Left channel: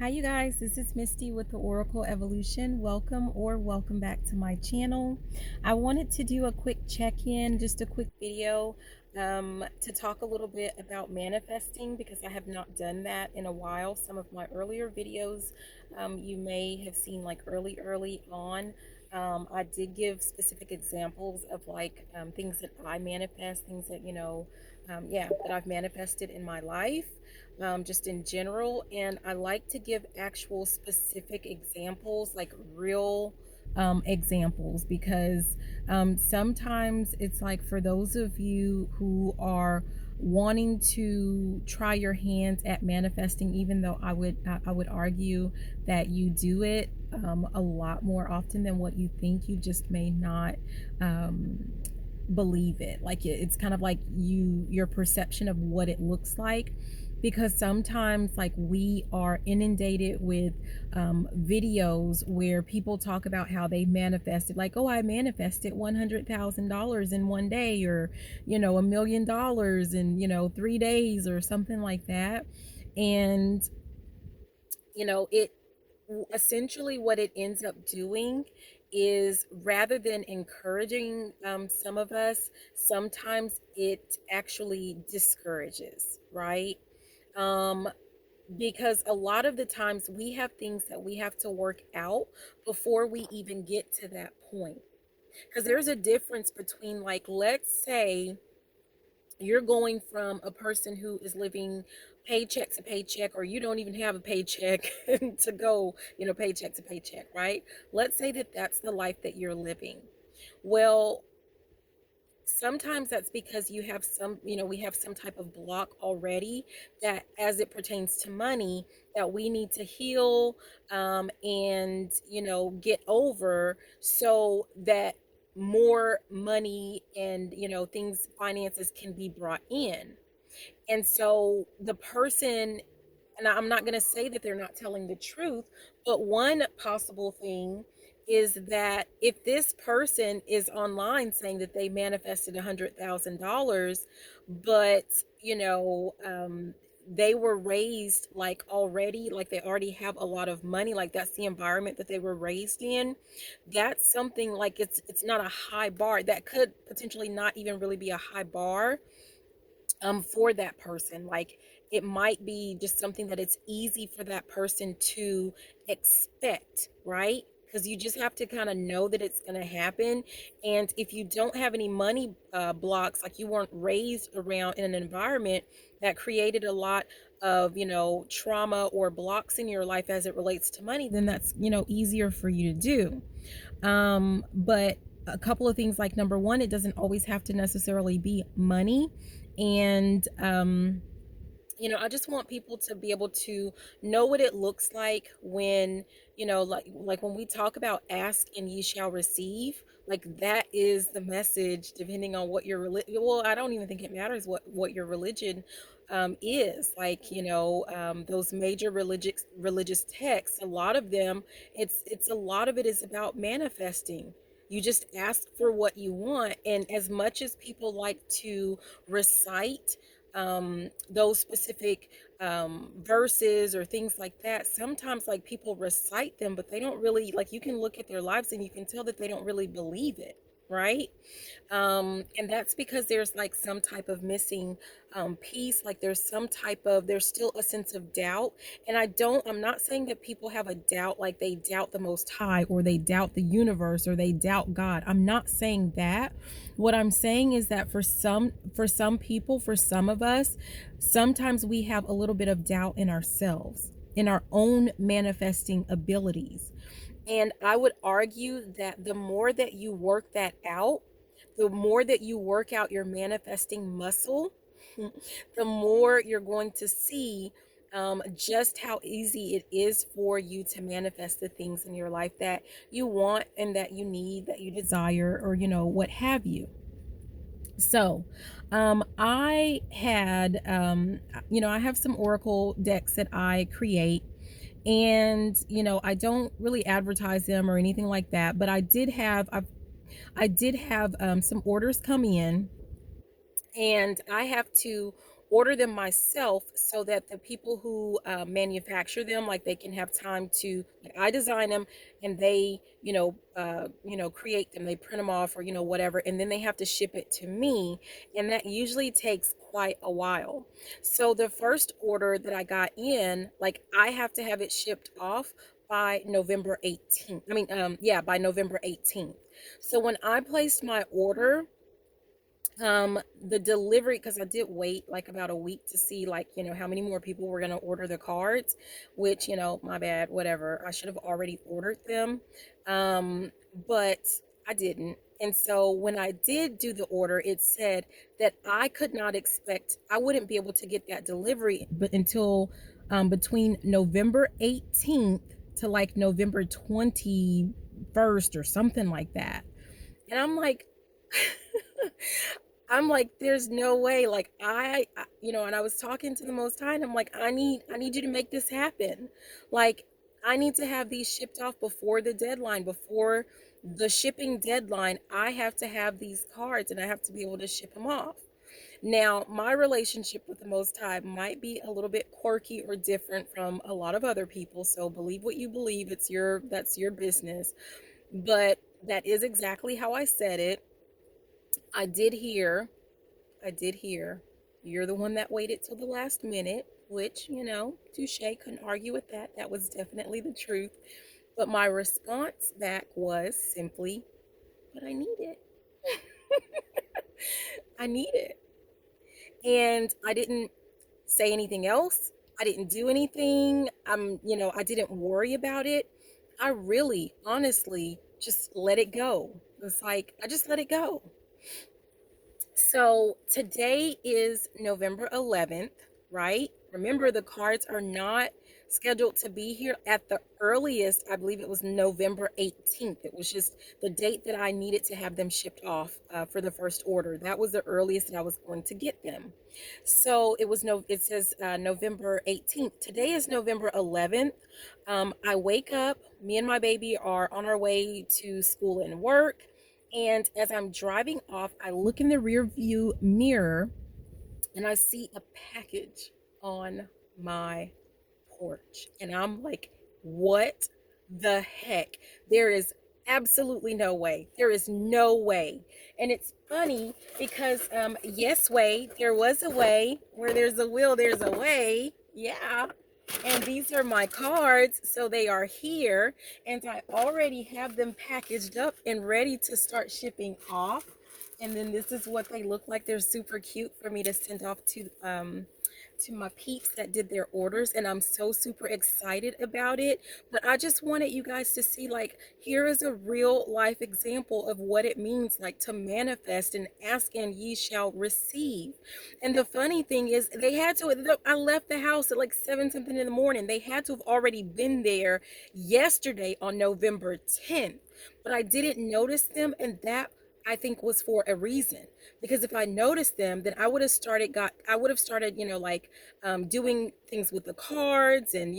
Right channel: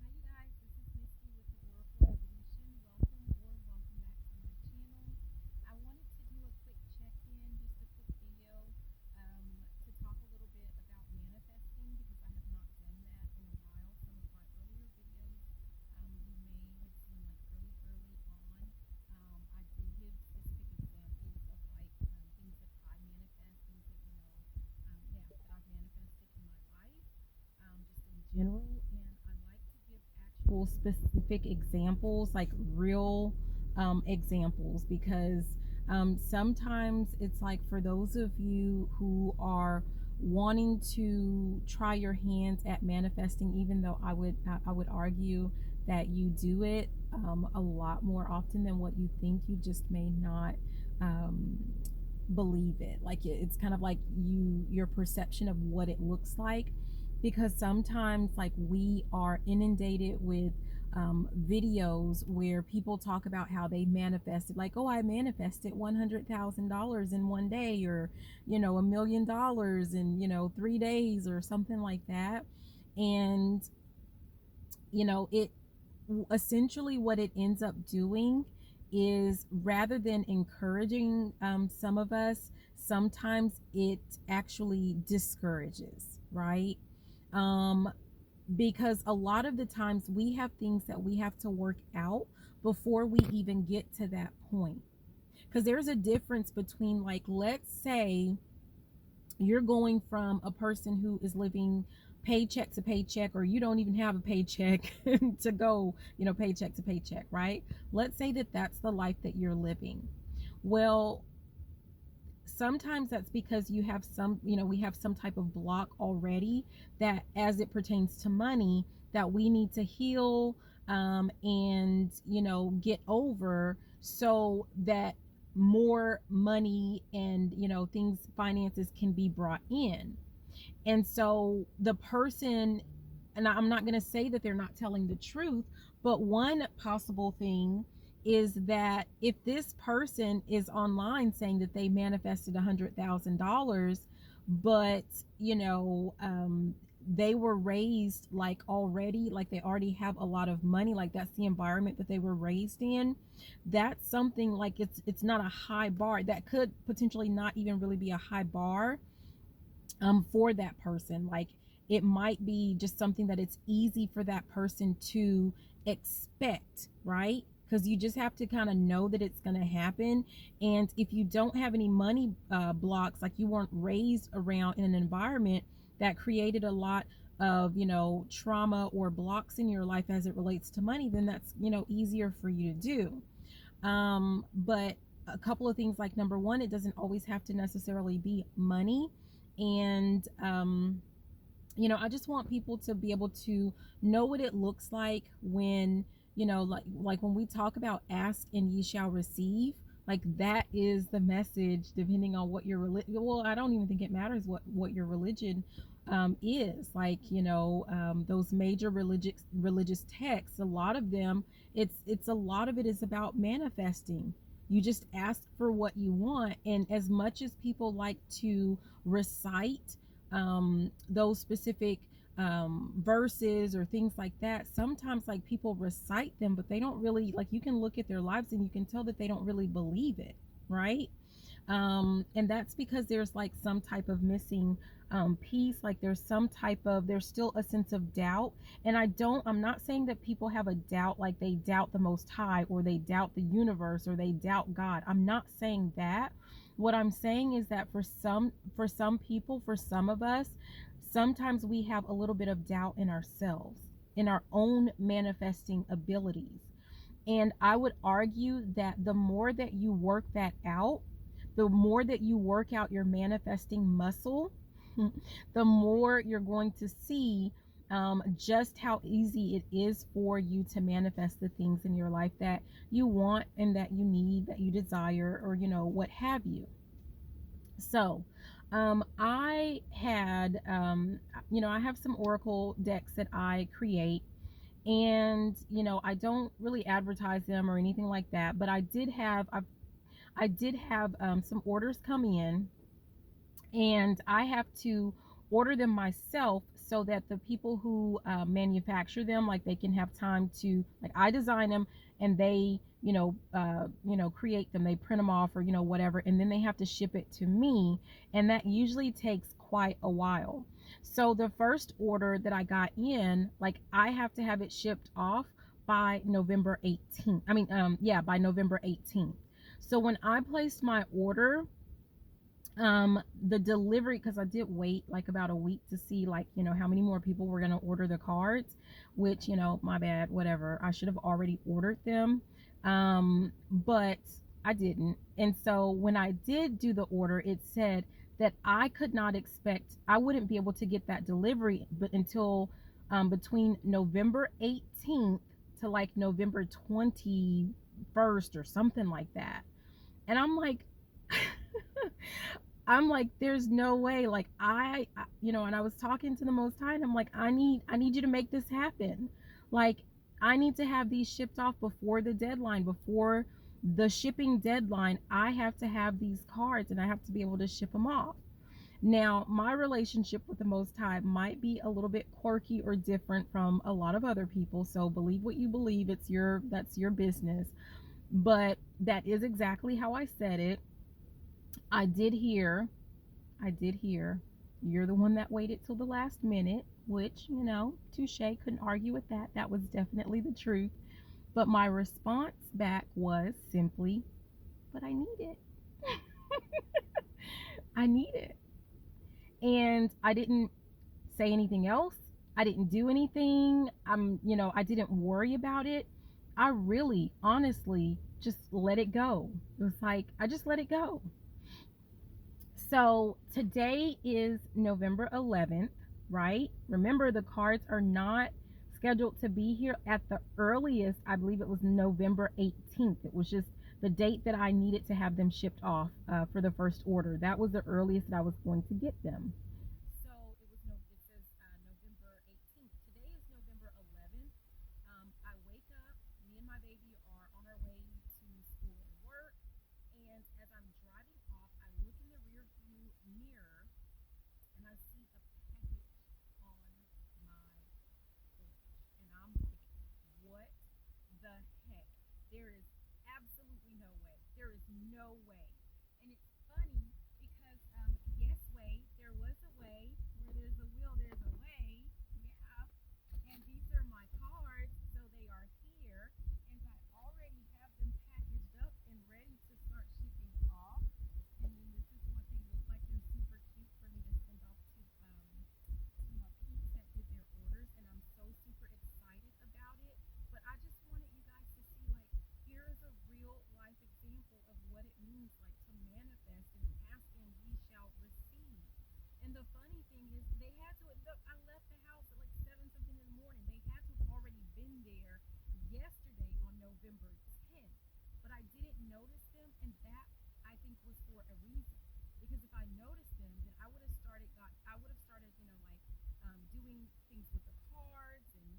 Hi, you guys. This is Misty with the Oracle Evolution. Welcome back to my channel. I wanted to do a quick check-in, just a quick video to talk a little bit about manifesting because I have not done that in a while. Some of my earlier videos you may have seen like early on. I did give specific examples of like things that I manifest, things that, that I've manifested in my life just in general. And I like to give actual specific examples, like real examples, because sometimes it's like for those of you who are wanting to try your hands at manifesting, even though I would argue that you do it a lot more often than what you think. You just may not believe it. Like it's kind of like your perception of what it looks like, because sometimes like we are inundated with videos where people talk about how they manifested, like, oh, I manifested $100,000 in one day, or $1 million in 3 days or something like that. And it essentially what it ends up doing is, rather than encouraging some of us, sometimes it actually discourages, right? um because a lot of the times we have things that we have to work out before we even get to that point. Because there's a difference between, like, let's say you're going from a person who is living paycheck to paycheck, or you don't even have a paycheck to go, paycheck to paycheck, right? Let's say that that's the life that you're living. Well, sometimes that's because you have we have some type of block already, that as it pertains to money, that we need to heal and get over, so that more money and things, finances, can be brought in. And so the person, and I'm not going to say that they're not telling the truth, but one possible thing is that if this person is online saying that they manifested $100,000, but they were raised like already, like they already have a lot of money, like that's the environment that they were raised in, that's something like it's not a high bar. That could potentially not even really be a high bar for that person. Like, it might be just something that it's easy for that person to expect, right? Because you just have to kind of know that it's going to happen. And if you don't have any money blocks, like you weren't raised around in an environment that created a lot of trauma or blocks in your life as it relates to money, then that's easier for you to do. But a couple of things, like, number one, it doesn't always have to necessarily be money. And I just want people to be able to know what it looks like when like when we talk about ask and ye shall receive. Like, that is the message, depending on what your religion, well, I don't even think it matters what your religion is. Like, those major religious texts, a lot of them, it's a lot of it is about manifesting. You just ask for what you want. And as much as people like to recite those specific verses or things like that, sometimes, like, people recite them, but they don't really, like, you can look at their lives and you can tell that they don't really believe it, right? And that's because there's like some type of missing piece. Like, there's still a sense of doubt. And I'm not saying that people have a doubt, like they doubt the Most High, or they doubt the universe, or they doubt God. I'm not saying that. What I'm saying is that for some people, for some of us, sometimes we have a little bit of doubt in ourselves, in our own manifesting abilities. And I would argue that the more that you work that out, the more that you work out your manifesting muscle, the more you're going to see just how easy it is for you to manifest the things in your life that you want and that you need, that you desire, or what have you. So I had I have some oracle decks that I create, and I don't really advertise them or anything like that, but I did have some orders come in, and I have to order them myself so that the people who manufacture them, like they can have time to, like, I design them and they, create them, they print them off or, whatever, and then they have to ship it to me. And that usually takes quite a while. So the first order that I got in, like, I have to have it shipped off by November 18th. By November 18th. So when I placed my order, the delivery, because I did wait like about a week to see, like, how many more people were going to order the cards, which, my bad, whatever, I should have already ordered them, but I didn't. And so when I did do the order, it said that I wouldn't be able to get that delivery but until between November 18th to like November 21st or something like that. And I'm like, there's no way. Like, and I was talking to the Most High, and I'm like, I need you to make this happen. Like, I need to have these shipped off before the deadline, before the shipping deadline. I have to have these cards, and I have to be able to ship them off. Now, my relationship with the Most High might be a little bit quirky or different from a lot of other people. So believe what you believe. That's your business. But that is exactly how I said it. I did hear, you're the one that waited till the last minute, which, touche, couldn't argue with that. That was definitely the truth. But my response back was simply, but I need it. I need it. And I didn't say anything else. I didn't do anything. I didn't worry about it. I really, honestly, just let it go. It was like, I just let it go. So today is November 11th, right? Remember, the cards are not scheduled to be here at the earliest. I believe it was November 18th. It was just the date that I needed to have them shipped off for the first order. That was the earliest that I was going to get them. So it says November 18th. Today is November 11th. I wake up, me and my baby are on our way to school and work. And as I'm driving off, I look in the rear view mirror and I see a package on my porch. And I'm like, what the heck? There is absolutely no way. There is no way. And it's funny because, yes, way, there was a way. Where there's a will, there's a way. Yeah. And these are my cards, so they are here, and I already have them packaged up and ready to start shipping off. And then this is what they look like. They're super cute for me to send off to my peeps that did their orders, and I'm so super excited about it. But I just wanted you guys to see, like, here is a real life example of what it means, like, to manifest and ask and ye shall receive. And the funny thing is, I left the house at like 7 something in the morning. They had to have already been there yesterday on November 10th, but I didn't notice them, and that, I think, was for a reason. Because if I noticed them, then I would have started, doing things with the cards and,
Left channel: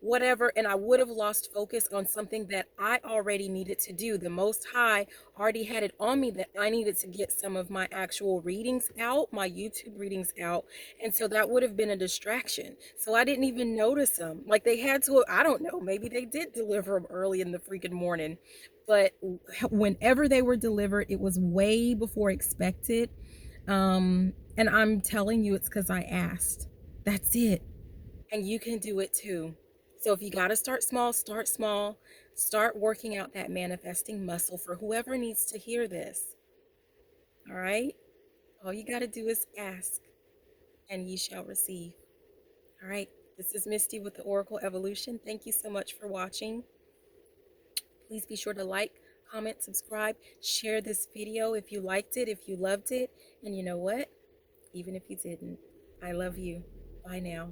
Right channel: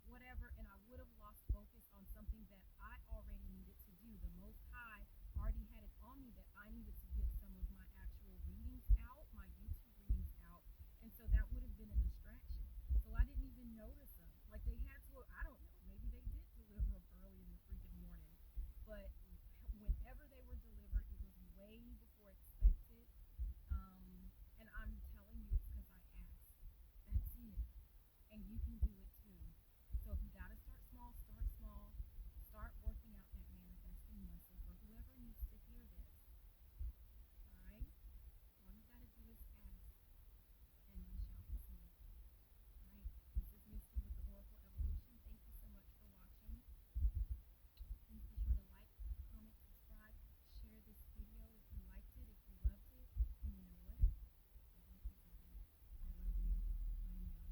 whatever. And I would have lost focus on something that I already needed to do. The Most High already had it on me that I needed to get some of my actual readings out, my YouTube readings out. And so that would have been a distraction. So I didn't even notice them. Like, they had to, I don't know, maybe they did deliver them early in the freaking morning. But whenever they were delivered, it was way before expected. And I'm telling you, it's because I asked. That's it. And you can do it too. So if you got to start small, start small. Start working out that manifesting muscle for whoever needs to hear this. All right? All you got to do is ask, and ye shall receive. All right? This is Misty with the Oracle Evolution. Thank you so much for watching. Please be sure to like, comment, subscribe, share this video if you liked it, if you loved it. And you know what? Even if you didn't, I love you. Bye now.